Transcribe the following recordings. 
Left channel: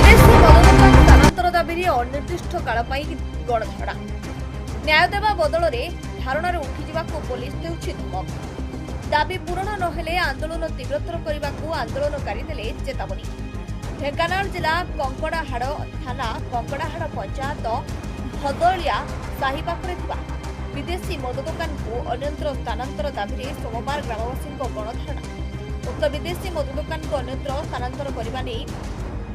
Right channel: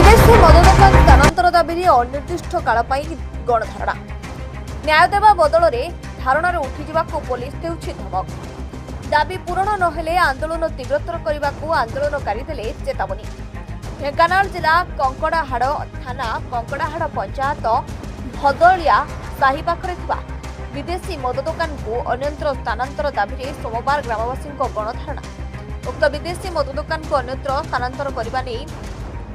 विदेशी मद दोकान स्थानांतर दाबी अनिर्दिष्ट काल गणधारणा न्याय देवा बदल में धारणा उठिजा पुलिस देउछि धमक दाबी पूरण नहेले आंदोलन तीव्रतर करने को आंदोलनकारी देले चेतावनी। ढेंकानाल जिला कंकड़ाहाड़ थाना कंकड़ाहाड़ पंचायत भदलिया साही पाखरे थिबा विदेशी मद दोकान को अन्यत्र स्थानांतर दाबी सोमवार ग्रामवासी गणधारणा। उक्त विदेशी मद दोकान को अन्यत्र स्थानांतर करने नहीं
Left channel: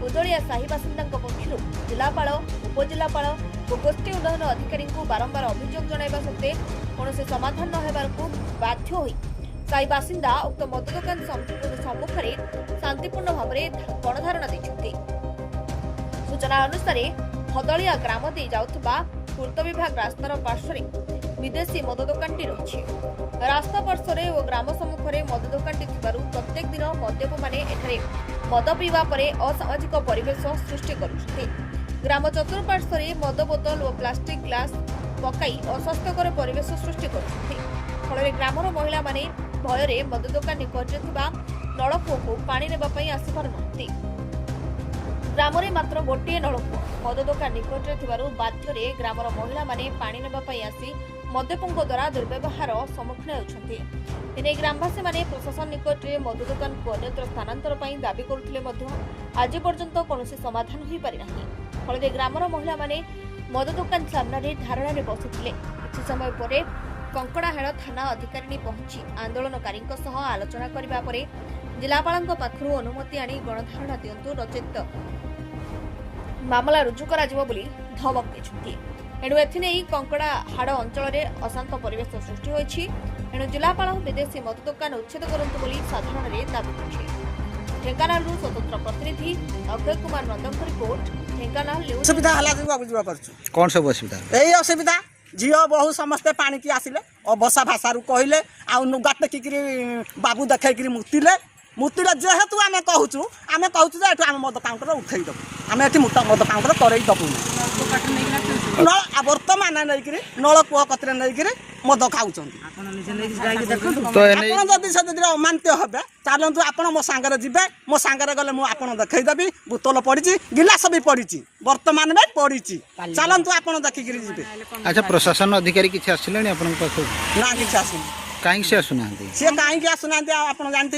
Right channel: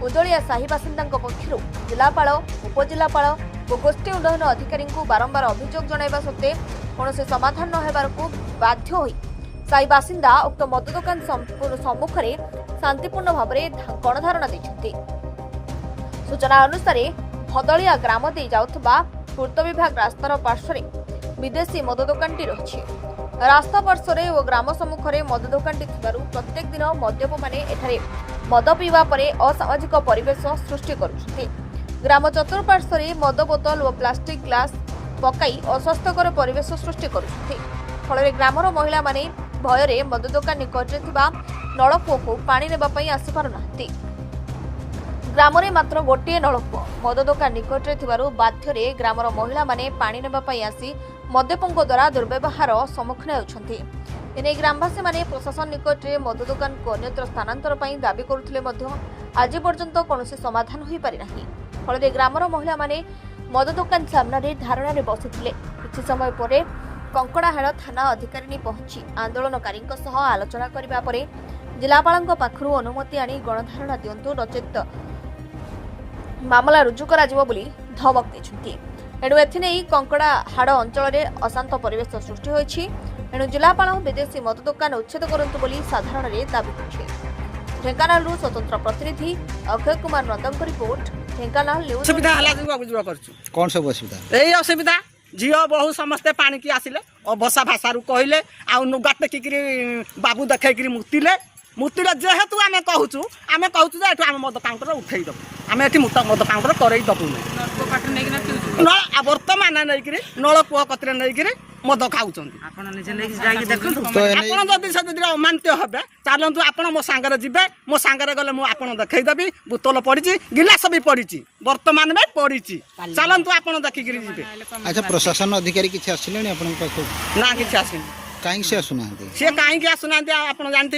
उदलिया साही बासिंदा पक्षर जिलापाल उपजिलापाल और गोष्ठी उन्नयन अधिकारी को बारंबार अभियोग जणाइबा सत्वे कौन समाधान न हेबारकु बाध्य होई साही बासिंदा उक्त मद दोकान सम्मुख में शांतिपूर्ण भाव में गणधारणा देछन्ति। सूचना अनुसार भदलिया ग्राम दे जाउथबा पूर्त विभाग रास्तार पार्श्व विदेशी मद दोकानटी रही। रास्ता पार्श्व और ग्राम सम्मुख में मद दोकानटी थिबारु प्रत्येक दिन मद्यप माने एठारे मद पीवा परे असामाजिक परिवेश सृष्टि करुछन्ति। ग्राम चतुर्पार्श्व में मद बोतल और प्लास्टिक ग्लास पकाई अस्वास्थ्यकर परिवेश सृष्टि करुछन्ति। फल ग्रामर महिला माने भय मद दोकान निकटरे थिबा नलकूप को पानी नेबा पई आसी पारुनाहांती। ग्राम में मात्र गोटे नलकूप मद दोकान निकटरे थिबारु बाध्यरे ग्रामर महिला माने पानी नेबा पई आसी मद्यपंक द्वारा दुर्व्यवहार सम्मुखीन होउछन्ति। एने ग्रामवासी माने प्रशासन निकटरे मद दोकान को अन्यत्र स्थानांतर पई दाबी करुथिले मध्य आज पर्यंत कौनसी समाधान होई पारि नाही। फल ग्रामर महिला माने मद दोकान सामने धारणा रे बसिथिले। किछि समय परे कंकड़ाहाड़ थाना अधिकारी पहुंची आंदोलनकारी आलोचना करबा परे जिलापाल पाखरु अनुमति आनी गणधारणा दियंतु नचेत मामला रुजु करा जिवो बोली धमक दैछन्ति। एणु एथिने कंकड़ाहाड़ अंचल में अशांत परिवेश सृष्टि होइछि। एणु जिलापाल विदेशी मद दोकान उच्छेद करंतु बोली साधारण रे दाबी करछे। ढेंकानाल स्वतंत्र प्रतिनिधि अक्षय कुमार नंदन रिपोर्ट ढेंकानाल न्यूज। कौन सब असुविधा यही असुविधा झील बहु समस्ते पानी की आसिले और बसा भाषा कहले आउगा टेकिकी बाबू देखी मुतिले जेहेतु आम कहूँ आम मद काउंटर उठे दबू आम ये मद काउंटर कर दबू बर्तमान नहीं नलकूह कतरे नहीं मद खाऊँ जदि से अमान्य हे चलतु आप मो सांगे जी मो सांगे गले मुझे देखईदेवी बोतल पड़ी गिलास भी पड़ी बर्तमान भी पड़ी चलतु आप देखिक जी। अच्छा प्रशासन अधिकारी किसी आसिले ना कि आस कहीं से आसुना सी कहीं आसुना आप जानते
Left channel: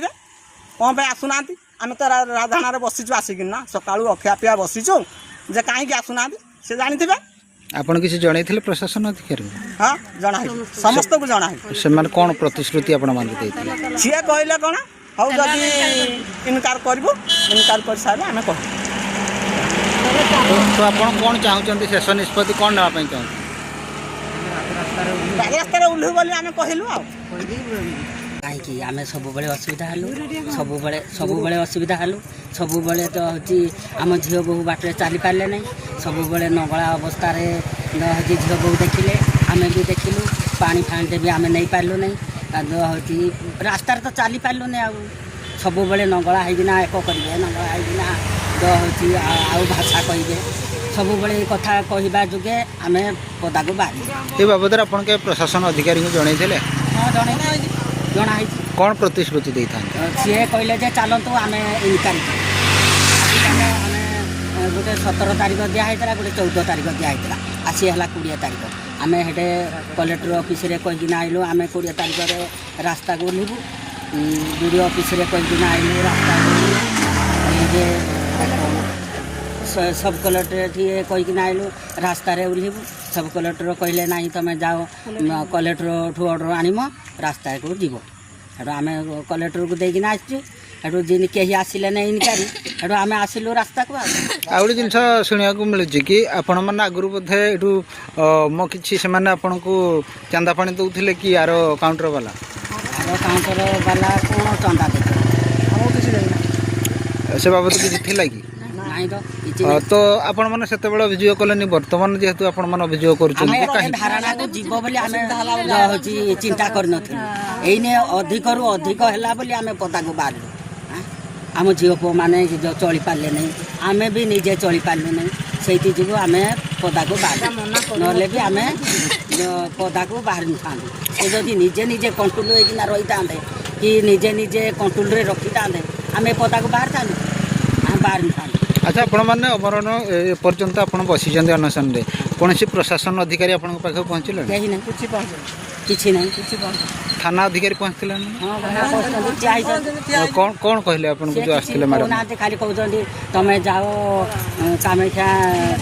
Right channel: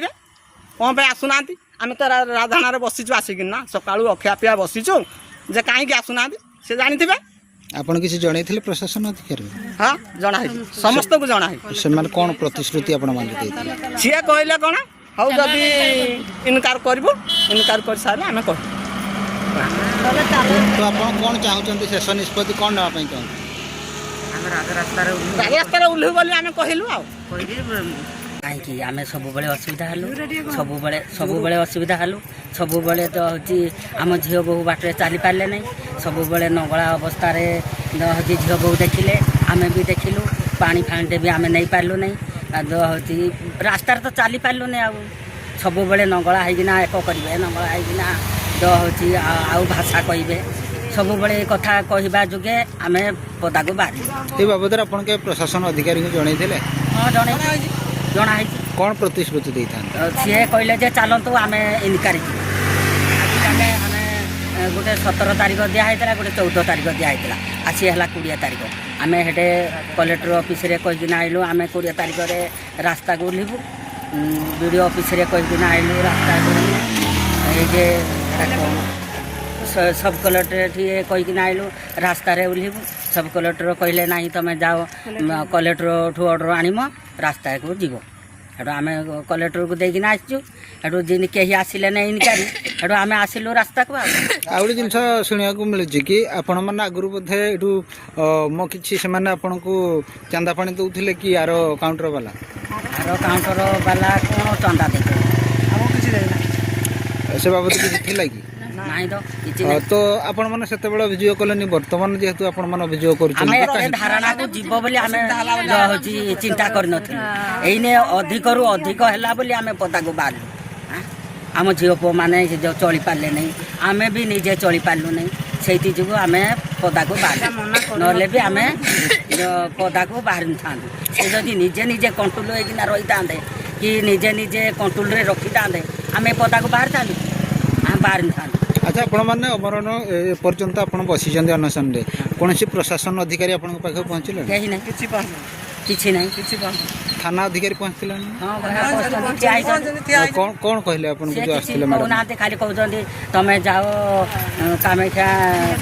कौन पे आसुना आम तो राधाना बसीचु आसिकना सका अखिया पिया बसीचु जे कहीं आसुना सी जानते आपन किसी जणै थिले प्रशासन अधिकारी? हाँ जना समस्त को जना से माने कोन प्रतिश्रुति आपण मान देथिले सी कहले कोन हौ जदी इनकार करबो इनकार कर साले हम कह तो आपण कोन चाहउचंती शेष निष्पत्ति कोन ना पई चाहउ रास्ता रे उल्लू बोली हम कहलु कहीं कि आम सब बड़े असुविधा हलु सब बड़े असुविधा हलु सब बड़े तो हूँ आम झील बहु बाटे चली पारे ना सब बड़े नगला अवस्था झील बहु देखिले आम भी देखिलु पानी फांटे भी आम नहीं पार्लु नहीं हूँ रास्तार तो चली पार्लु नहीं आ सब बड़े नगला होना एक करेंगे नगला होना तो हूँ आउ भाषा कहे सब बड़े कथा कहवा जुगे आम पदा को बाहर ये बाबद आप प्रशासन अधिकारी को जनई हाँ जनाई कौन प्रतिश्रुति दे था सी कहले जे चलतु आम इनक्वारी गोटे 17 तारीख दिखाई गोटे 14 तारीख दिखाई आसी है 20 तारीख आम हेटे कलेक्टर ऑफिस रे कहीकिना आइलु आम 20 तारीख रे रास्ता को ओह्लू वीडियो ऑफिस रे कहीकिना आइलु रास्ता कौन सब कलेक्टर कहीकिना आइलु रास्ता रे ओह्लू सब कलेक्टर कहले ना तुम जाओ कलेक्टर ठू अर्डर आनम रास्ता को जीव हेटू आम कलेक्टर को देकिना आसचु हेटू जिन कहीं आसिले ना इनक्वारी हेटू आम आसिलु रास्ता को आउट जिन शुणा मिलूँ कि आपण मैंने आगु बोधे यू मो कि आपन को चांदा पानी दौले कि यार काउंटर वाला कौन चंदा दे से बाबद किसी थी कि तो आपण मैंने से अभियोग कले बर्तमान जेहेतु आपण मैंने अभियोग कर धारणा को जीव बोली आम चिंता करने अधिक रु अधिक है बोली आम पदा को बाहर आम झील पुओ मैंने चली पारे नहीं आम भी निजे चली पार्लु नहीं से जो आम पदा को बाहर ना भी आम पदा को बाहर था जदि निजे निजे कंट्रोल होना रही था कि निजे निजे कंट्रोल रखी था आम पदा को बाहर था बाहर था আচ্ছা আপন মানে অবরণ এপর্যন্ত আপনার বসিছেন অনশনরে কৌশি প্রশাসন অধিকারী আপনার পাখে পৌঁছলে କେହି ନାହିଁ କିଛି ନାହିଁ থানা অধিকারী পৌঁছলে ହଁ ବଢ଼ିଆ କରୁଛନ୍ତି, ଠିଆ ହେଇଛନ୍ତି। কোণ কহিলে আপনার ସେ যে କିଛି আসলে ম্যাডাম କହୁନାହାନ୍ତି ଖାଲି କହୁଛନ୍ତି ତମେ ଯାଅ କାମାକ୍ଷା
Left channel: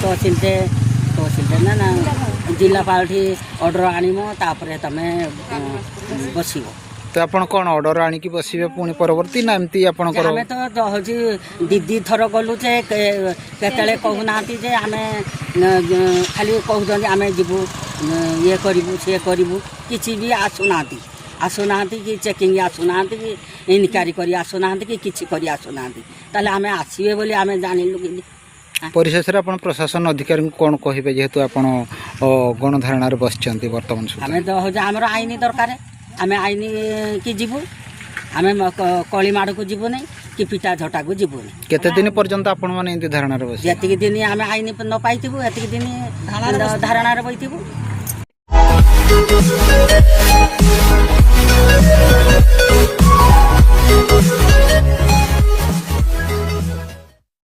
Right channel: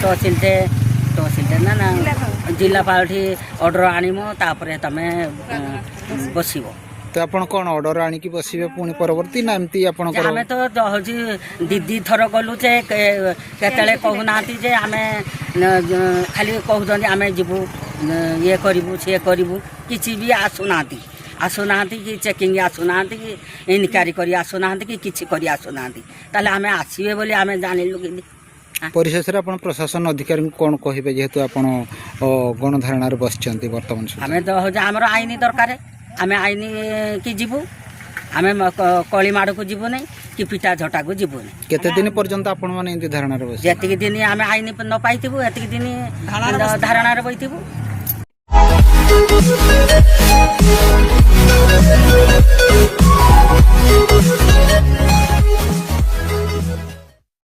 ତହସିଲରେ ନା ଜିଲ୍ଲାପାଳଠି ଅର୍ଡ଼ର ଆଣିବ ତାପରେ ତମେ ବସିବ। তো ଆପଣ କ'ଣ ଅର୍ଡ଼ର ଆଣିକି ବସିବେ ପୁଣି ପରବର୍ତ୍ତୀ ନା ଏମିତି ଆପଣଙ୍କର ଆମେ ତ ହେଉଛି ଦି ଥର ଗଲୁ ଯେ କେତେବେଳେ କହୁନାହାନ୍ତି ଯେ ଆମେ ଖାଲି କହୁଛନ୍ତି ଆମେ ଯିବୁ ଇଏ କରିବୁ ସିଏ କରିବୁ କିଛି ବି ଆସୁନାହାନ୍ତି କି ଚେକିଂ ଆସୁନାହାନ୍ତି କି ଇନକ୍ୱାରି କରି ଆସୁନାହାନ୍ତି କି କିଛି କରି ଆସୁନାହାନ୍ତି। ତାହେଲେ ଆମେ ଆସିବେ ବୋଲି ଆମେ ଜାଣିଲୁ କେମିତି? ପରିଶେଷରେ ଆପଣ ପ୍ରଶାସନ ଅଧିକାରୀଙ୍କୁ କ'ଣ କହିବେ ଯେହେତୁ ଆପଣ ଗଣଧାରଣାରେ ବସିଛନ୍ତି ବର୍ତ୍ତମାନ ସୁଦ୍ଧା? ଆମେ ତ ହେଉଛି ଆମର ଆଇନ ଦରକାର, ଆମେ ଆଇନ କି ଯିବୁ, ଆମେ କଳି ମାଡ଼କୁ ଯିବୁନି କି ପିଟା ଝଟାକୁ ଯିବୁନି। କେତେ ଦିନ ପର୍ଯ୍ୟନ୍ତ ଆପଣମାନେ ଏମିତି ଧାରଣାରେ ବସିବେ? ଯେତିକି ଦିନ ଆମେ ଆଇନ ନ ପାଇଥିବୁ ଏତିକି ଦିନ ଧାରଣାରେ ବସିଥିବୁ।